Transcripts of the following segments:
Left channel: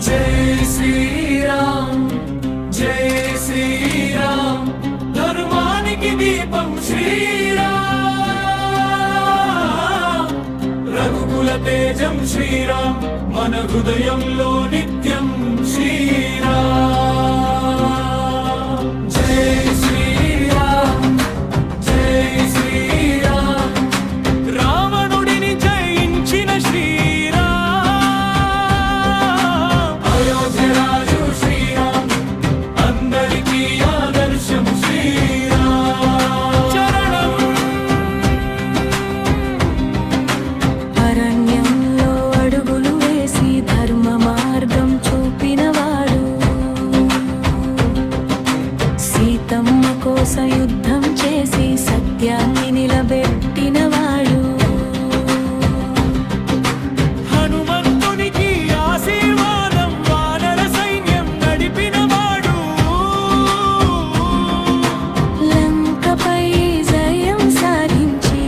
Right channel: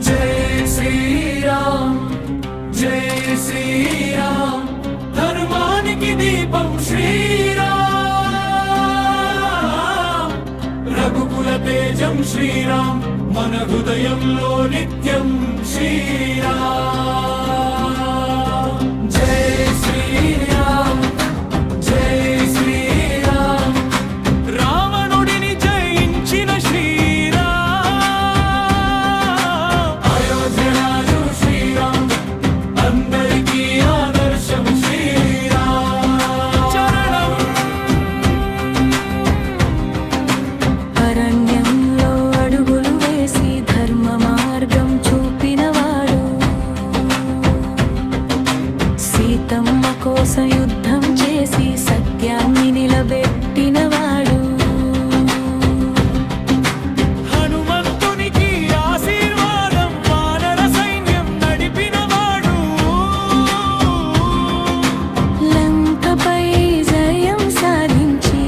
जय श्री राम जय श्री राम धर्मानिकी दीपं श्रीराम रघुकुल तेजं श्रीराम मन हृदयंलो नित्यं श्रीराम जय श्रीराम जय श्रीराम रावणुडिनि जयिंचिन श्रीराम అరణ్యంలో అడుగులు వేసి ధర్మ మార్గం చూపినవాడు సీతమ్మ కోసం యుద్ధం చేసి సత్యాన్ని నిలబెట్టినవాడు హనుమంతునికి ఆశీర్వాదం వానర సైన్యం నడిపినవాడు లంకపై జయం సాధించి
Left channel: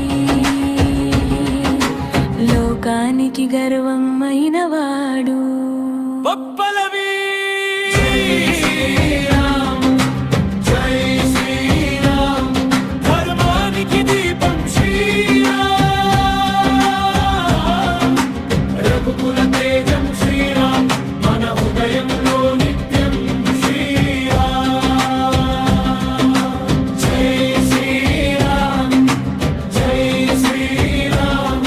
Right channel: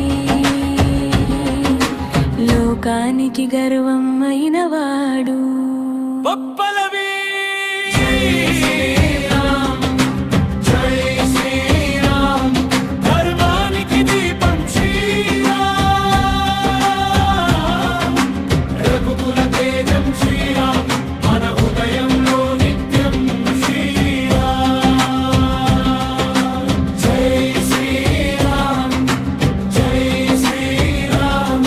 లోకానికి గర్వం అయినవాడు పప్పలవి జై శ్రీరామ్ ధర్మానికి దీపం శ్రీరామ్ రఘుకుల తేజం శ్రీరామ్ మన హృదయంలో నిత్యం శ్రీరామ్ జై శ్రీరామ్ జై శ్రీరామ్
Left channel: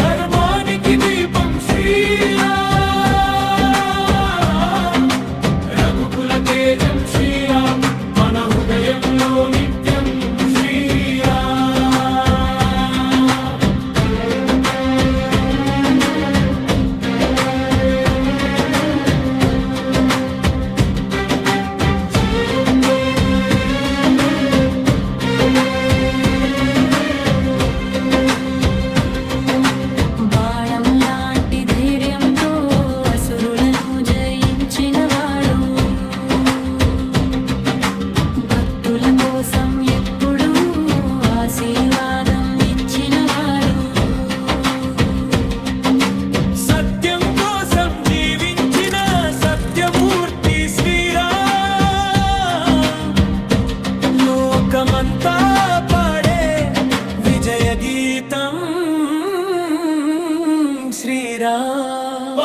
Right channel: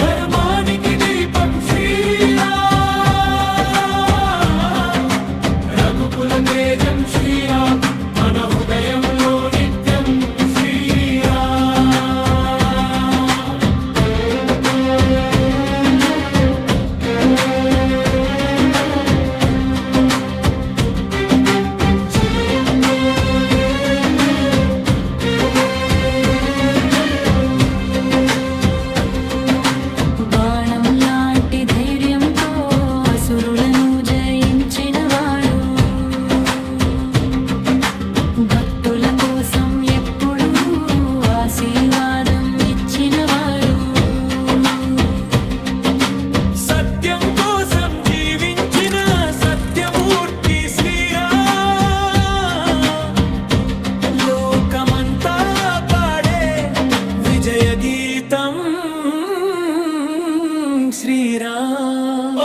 ధర్మానికి దీపం శ్రీరామ్ రఘుకుల తేజం శ్రీరామ్ మన హృదయంలో నిత్యం శ్రీరామ్ బాణం లాంటి ధైర్యంతో అసురులను జయించినవాడు భక్తుల కోసం ఎప్పుడూ ఆశీర్వాదం ఇచ్చినవాడు సత్యం కోసం జీవించిన సత్యమూర్తి శ్రీరామ్ లోకమంతా పాడే విజయ గీతం శ్రీరామ్